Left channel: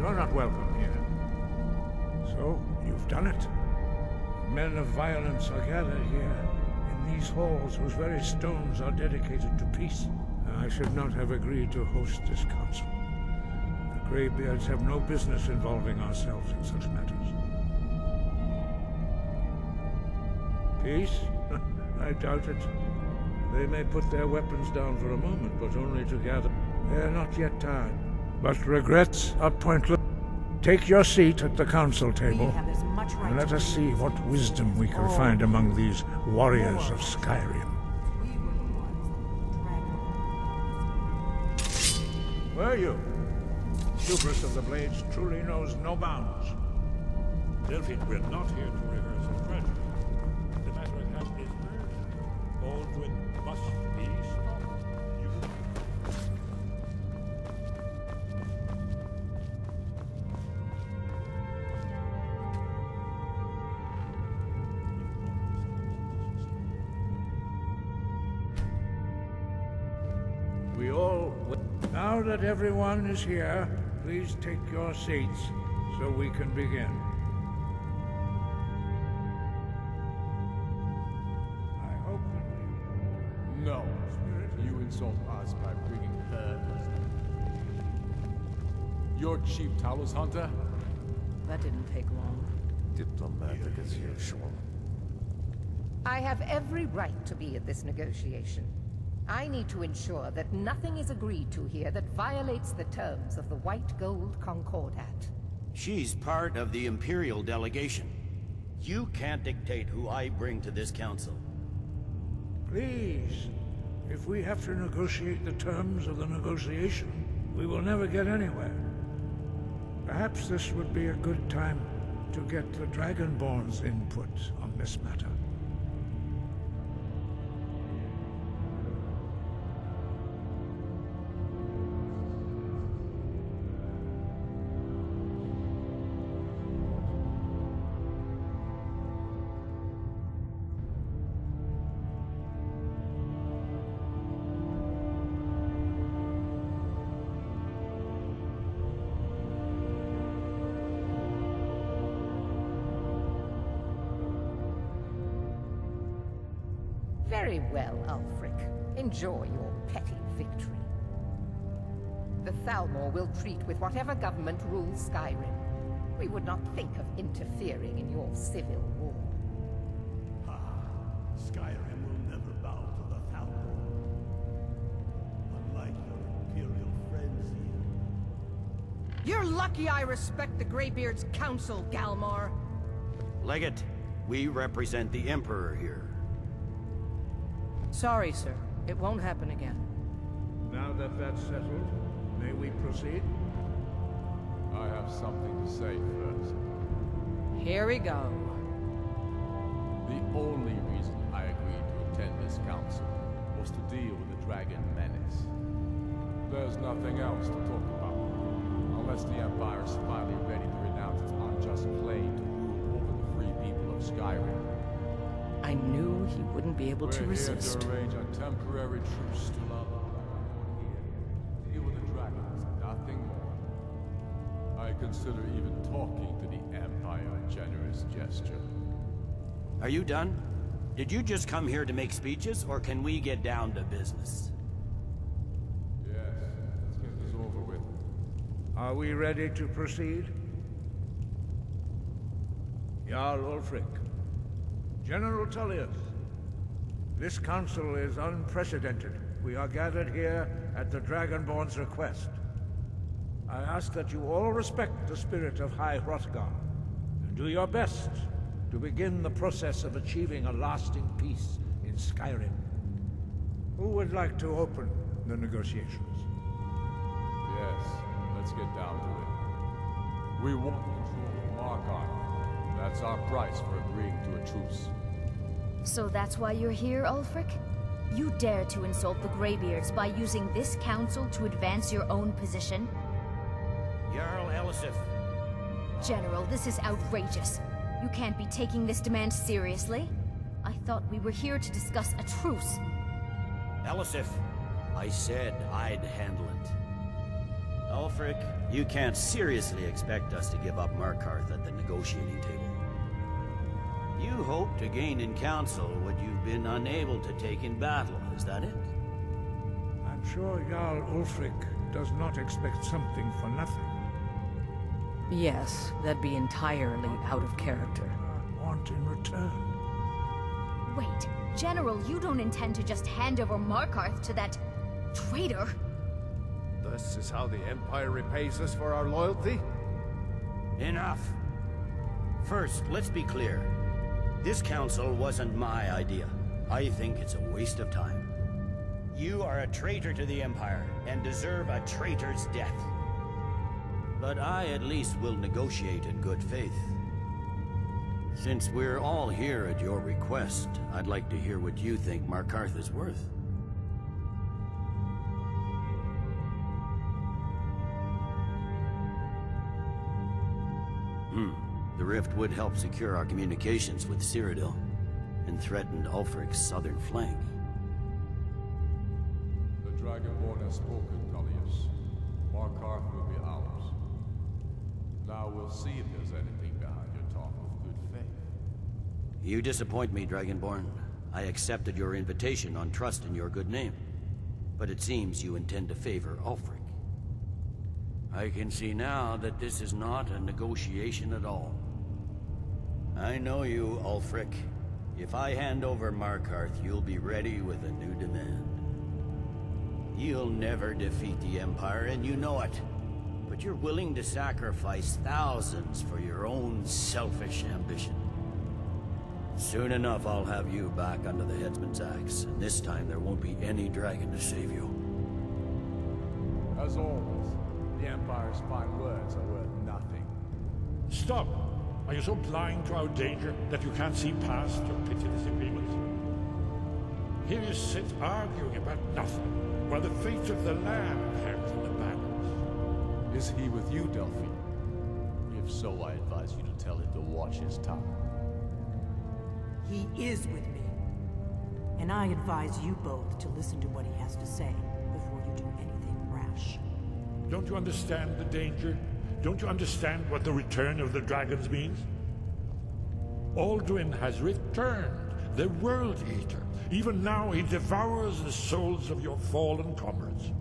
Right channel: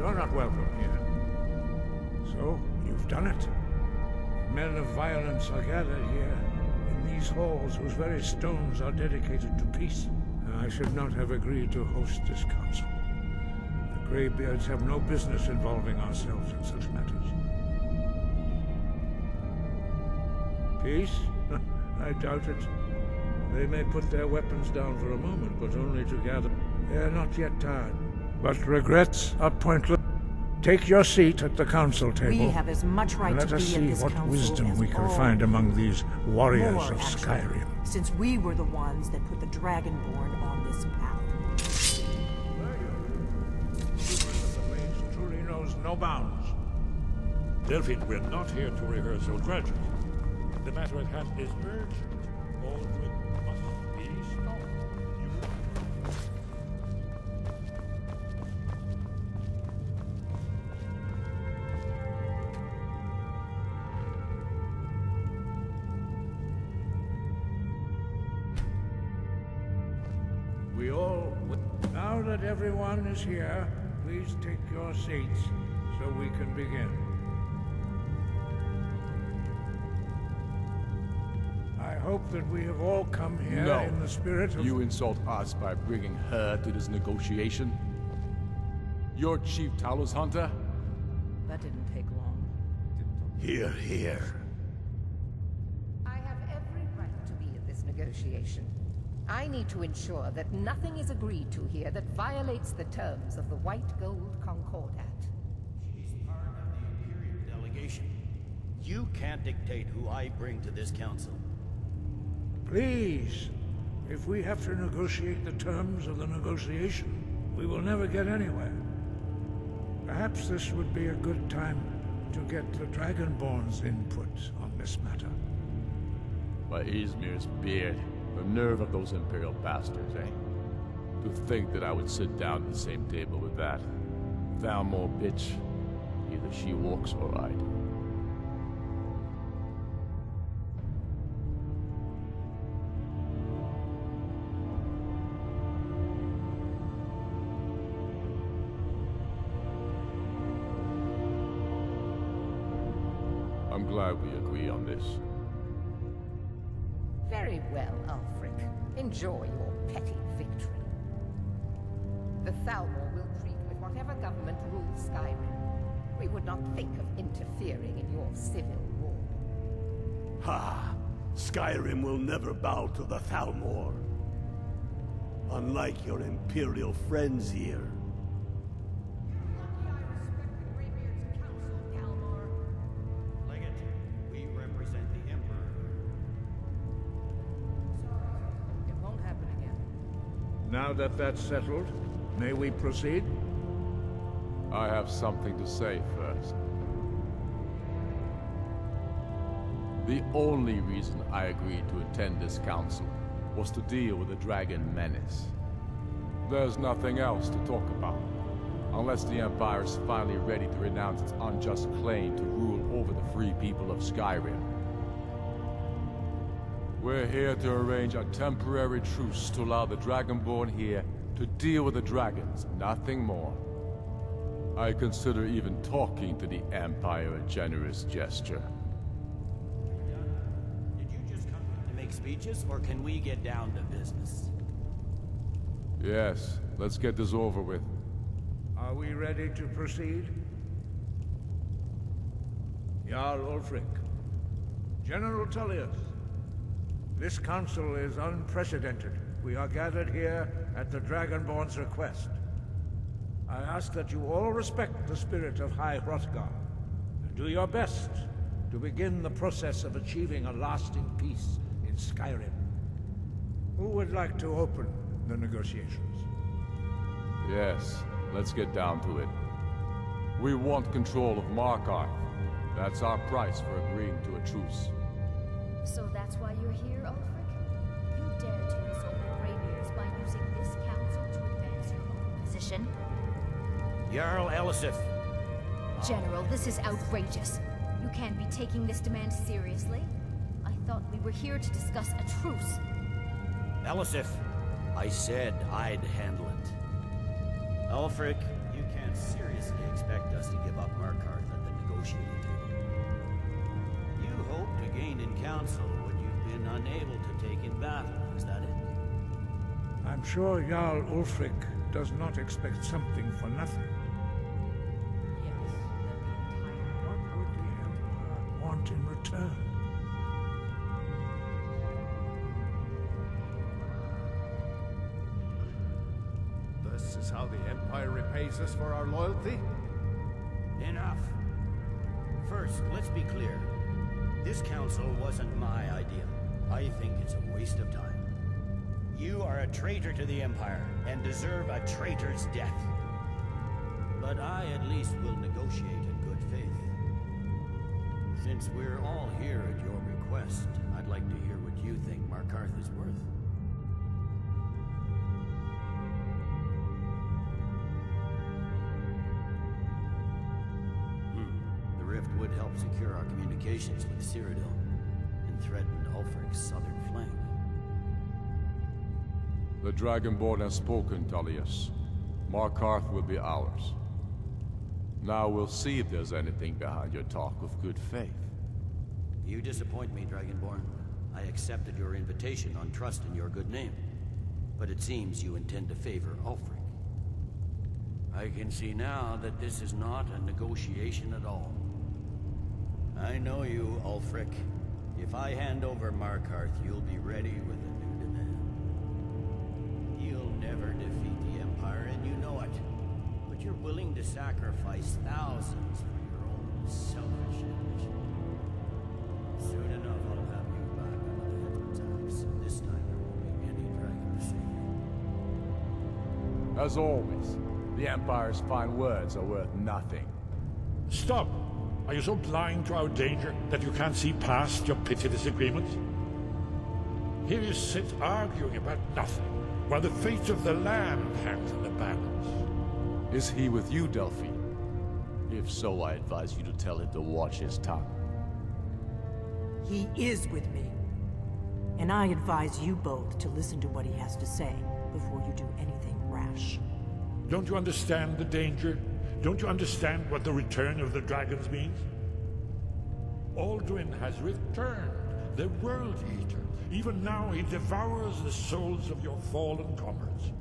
You're not welcome here. So, you've done it. Men of violence are gathered here, in these halls whose very stones are dedicated to peace. I should not have agreed to host this council. The Greybeards have no business involving ourselves in such matters. Peace? I doubt it. They may put their weapons down for a moment, but only to gather. They're not yet tired. But regrets are pointless. Take your seat at the council table. We have as much right and let to us be see in this what council wisdom as we can all find among these warriors more, of actually, Skyrim. Since we were the ones that put the Dragonborn on this path. Were you? Hubris of the Blades truly knows no bounds. Delphine, we're not here to rehearse or tragedy. The matter at hand is urgent. Adwin must be stopped. Now that everyone is here, please take your seats so we can begin. I hope that we have all come here in the spirit of... You insult us by bringing her to this negotiation? You're Chief Talos Hunter? That didn't take long. Here. I have every right to be at this negotiation. I need to ensure that nothing is agreed to here that violates the terms of the White Gold Concordat. She's part of the Imperial delegation. You can't dictate who I bring to this council. Please, if we have to negotiate the terms of the negotiation, we will never get anywhere. Perhaps this would be a good time to get the Dragonborn's input on this matter. By Izmir's beard. The nerve of those Imperial bastards, eh? To think that I would sit down at the same table with that. Thalmor bitch. Either she walks or I do. I'm glad we agree on this. Very well, Ulfric. Enjoy your petty victory. The Thalmor will treat with whatever government rules Skyrim. We would not think of interfering in your civil war. Ha! Skyrim will never bow to the Thalmor. Unlike your Imperial friends here. You're lucky I respect the Greybeard's counsel, Galmar. Legate, we represent the Emperor here. Sorry, sir. It won't happen again. Now that that's settled, may we proceed? I have something to say first. Here we go. The only reason I agreed to attend this council was to deal with the dragon menace. There's nothing else to talk about, unless the Empire is finally ready to renounce its unjust claim to rule over the free people of Skyrim. I knew he wouldn't be able to We're here resist. to arrange a temporary truce to allow the Dragonborn here to deal with the dragons, nothing more. I consider even talking to the Empire a generous gesture. Are you done? Did you just come here to make speeches, or can we get down to business? Yes, let's get this over with. Are we ready to proceed? Jarl Ulfric. General Tullius. This council is unprecedented. We are gathered here at the Dragonborn's request. I ask that you all respect the spirit of High Hrothgar, and do your best to begin the process of achieving a lasting peace in Skyrim. Who would like to open the negotiations? Yes, let's get down to it. We want control of Markarth. That's our price for agreeing to a truce. So that's why you're here, Ulfric? You dare to insult the Greybeards by using this council to advance your own position? Jarl Elisif. General, this is outrageous. You can't be taking this demand seriously. I thought we were here to discuss a truce. Elisif, I said I'd handle it. Ulfric, You can't seriously expect us to give up Markarth at the negotiating table. You hope to gain in council what you've been unable to take in battle, is that it? I'm sure Jarl Ulfric does not expect something for nothing. Yes, that'd be entirely out of character. Want in return? Wait, General, you don't intend to just hand over Markarth to that traitor? This is how the Empire repays us for our loyalty? Enough. First, let's be clear. This council wasn't my idea. I think it's a waste of time. You are a traitor to the Empire, and deserve a traitor's death. But I at least will negotiate in good faith. Since we're all here at your request, I'd like to hear what you think Markarth is worth. The rift would help secure our communications with Cyrodiil, and threatened Ulfric's southern flank. The Dragonborn has spoken, Tullius. Markarth will be ours. Now we'll see if there's anything behind your talk of good faith. You disappoint me, Dragonborn. I accepted your invitation on trust in your good name. But it seems you intend to favor Ulfric. I can see now that this is not a negotiation at all. I know you, Ulfric. If I hand over Markarth, you'll be ready with a new demand. You'll never defeat the Empire, and you know it. But you're willing to sacrifice thousands for your own selfish ambition. Soon enough, I'll have you back under the headsman's axe, and this time there won't be any dragon to save you. As always, the Empire's fine words are worth nothing. Stop! Are you so blind to our danger that you can't see past your petty disagreements? Here you sit arguing about nothing, while the fate of the land hangs in the balance. Is he with you, Delphine? If so, I advise you to tell him to watch his tongue. He is with me. And I advise you both to listen to what he has to say before you do anything rash. Don't you understand the danger? Don't you understand what the return of the dragons means? Adwin has returned, the World Eater. Even now he devours the souls of your fallen comrades.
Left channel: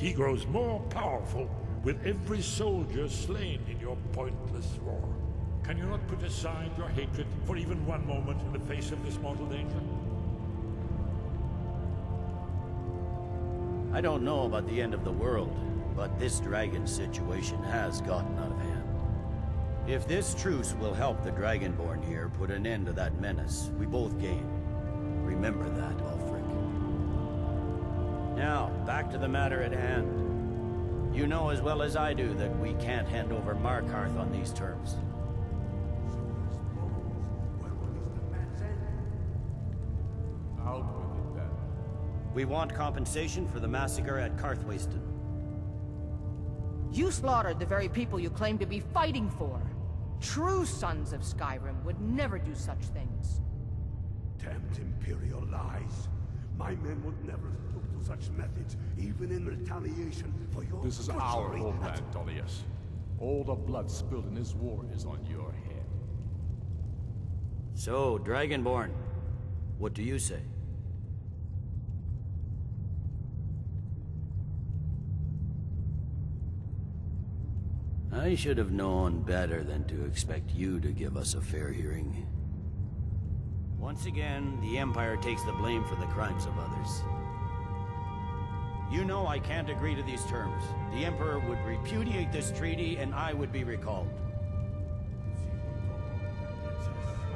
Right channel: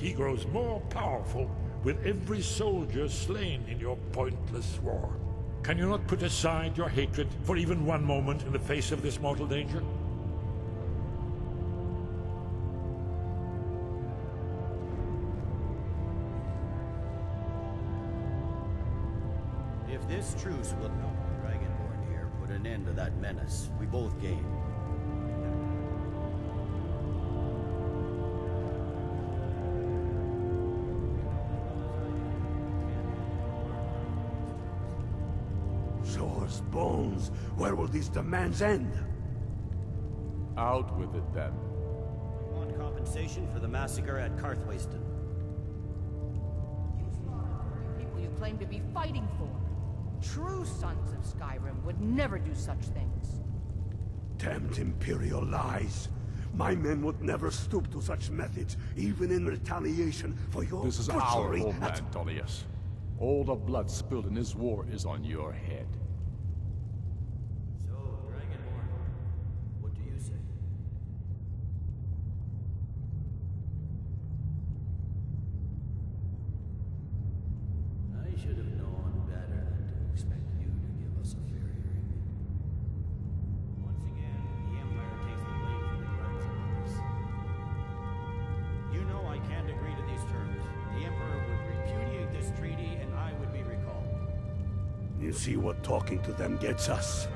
He grows more powerful with every soldier slain in your pointless war. Can you not put aside your hatred for even one moment in the face of this mortal danger? I don't know about the end of the world, but this dragon situation has gotten out of hand. If this truce will help the Dragonborn here put an end to that menace, we both gain. Remember that, Ulfric. Now, back to the matter at hand. You know as well as I do that we can't hand over Markarth on these terms. Swords, bones, where will these demands end? Out with it, then. We want compensation for the massacre at Karthwasten. You slaughtered the very people you claim to be fighting for. True sons of Skyrim would never do such things. Damned Imperial lies. My men would never stoop to such methods, even in retaliation for your This is our butchery homeland, Tullius. All the blood spilled in this war is on your head. So, Dragonborn, what do you say? I should have known better than to expect you to give us a fair hearing. Once again, the Empire takes the blame for the crimes of others. You know I can't agree to these terms. The Emperor would repudiate this treaty, and I would be recalled. You see what talking to them gets us.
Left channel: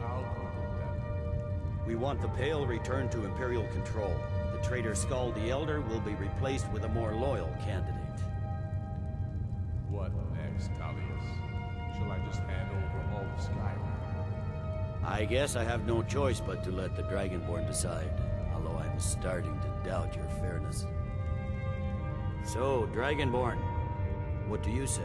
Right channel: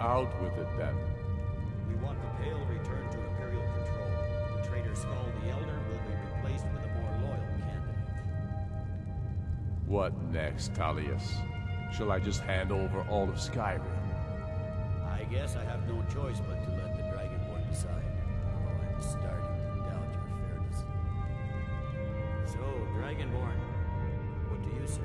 Out with it, then. We want the Pale returned to Imperial control. The traitor Skull the Elder will be replaced with a more loyal candidate. What next, Tullius? Shall I just hand over all of Skyrim? I guess I have no choice but to let the Dragonborn decide, although I'm starting to doubt your fairness. So, Dragonborn, what do you say?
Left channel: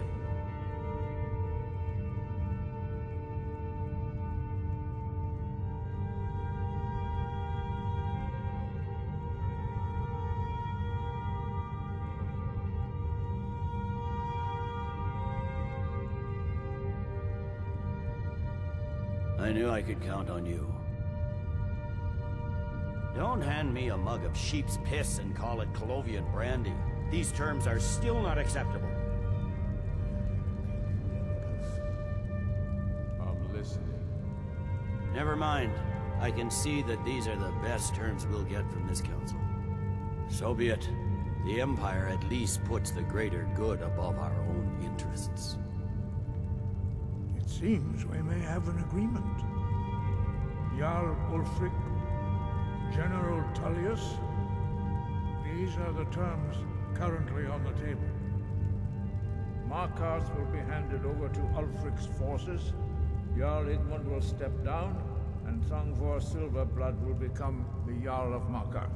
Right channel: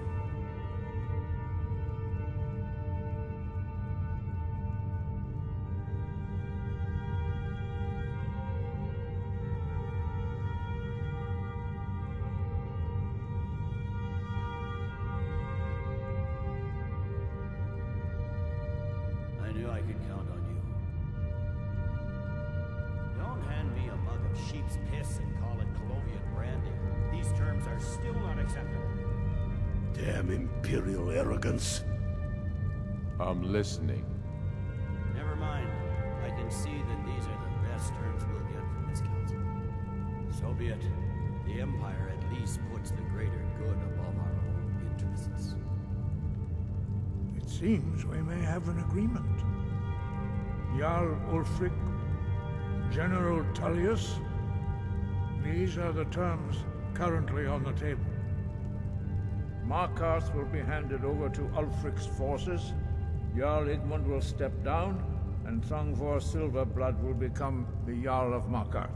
I knew I could count on you. Don't hand me a mug of sheep's piss and call it Colovian brandy. These terms are still not acceptable. Damn Imperial arrogance. I'm listening. Never mind. I can see that these are the best terms we'll get from this council. So be it. The Empire at least puts the greater good above our own interests. It seems we may have an agreement. Jarl Ulfric, General Tullius, these are the terms currently on the table. Markarth will be handed over to Ulfric's forces, Jarl Igmund will step down, and Thangvor Silverblood will become the Jarl of Markarth.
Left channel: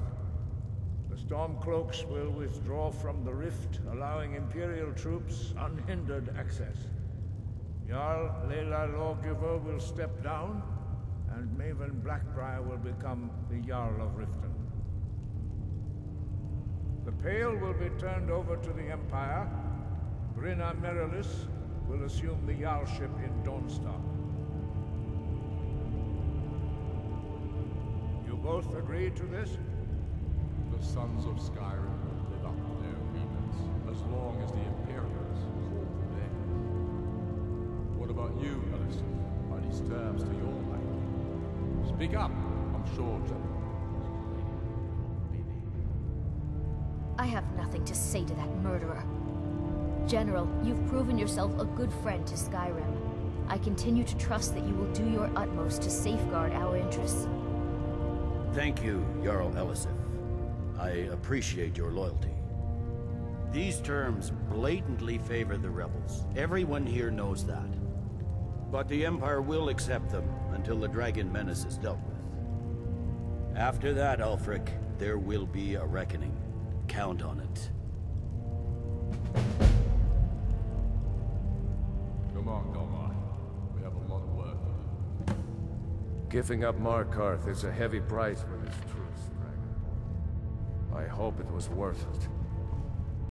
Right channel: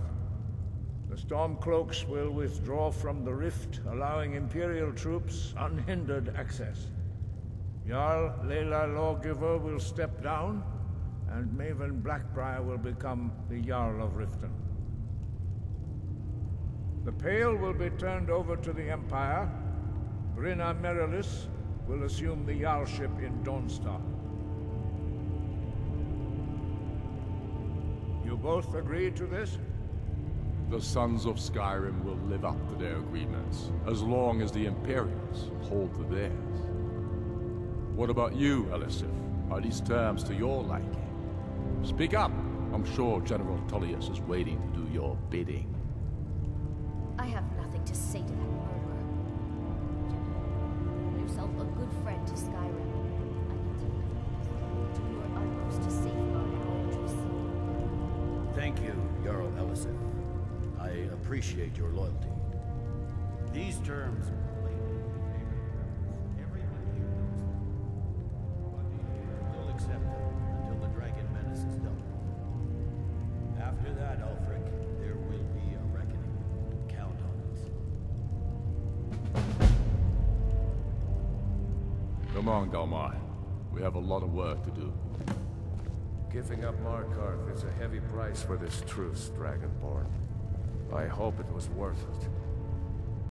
The Stormcloaks will withdraw from the rift, allowing Imperial troops unhindered access. Jarl Layla Lawgiver will step down, and Maven Blackbriar will become the Jarl of Riften. The Pale will be turned over to the Empire. Brinna Merilis will assume the Jarlship in Dawnstar. You both agree to this? The Sons of Skyrim will live up to their agreements, as long as the Imperials hold to theirs. What about you, Elisif? Are these terms to your liking? Speak up! I'm sure General Tullius is waiting to do your bidding. I have nothing to say to that murderer. General, you've proven yourself a good friend to Skyrim. I continue to trust that you will do your utmost to safeguard our interests. Thank you, Jarl Elisif. I appreciate your loyalty. These terms blatantly favor the rebels. Everyone here knows that. But the Empire will accept them until the Dragon Menace is dealt with. After that, Ulfric, there will be a reckoning. Count on it. Come on, Galmar. We have a lot of work to do. Giving up Markarth is a heavy price for this truce, Dragonborn. I hope it was worth it.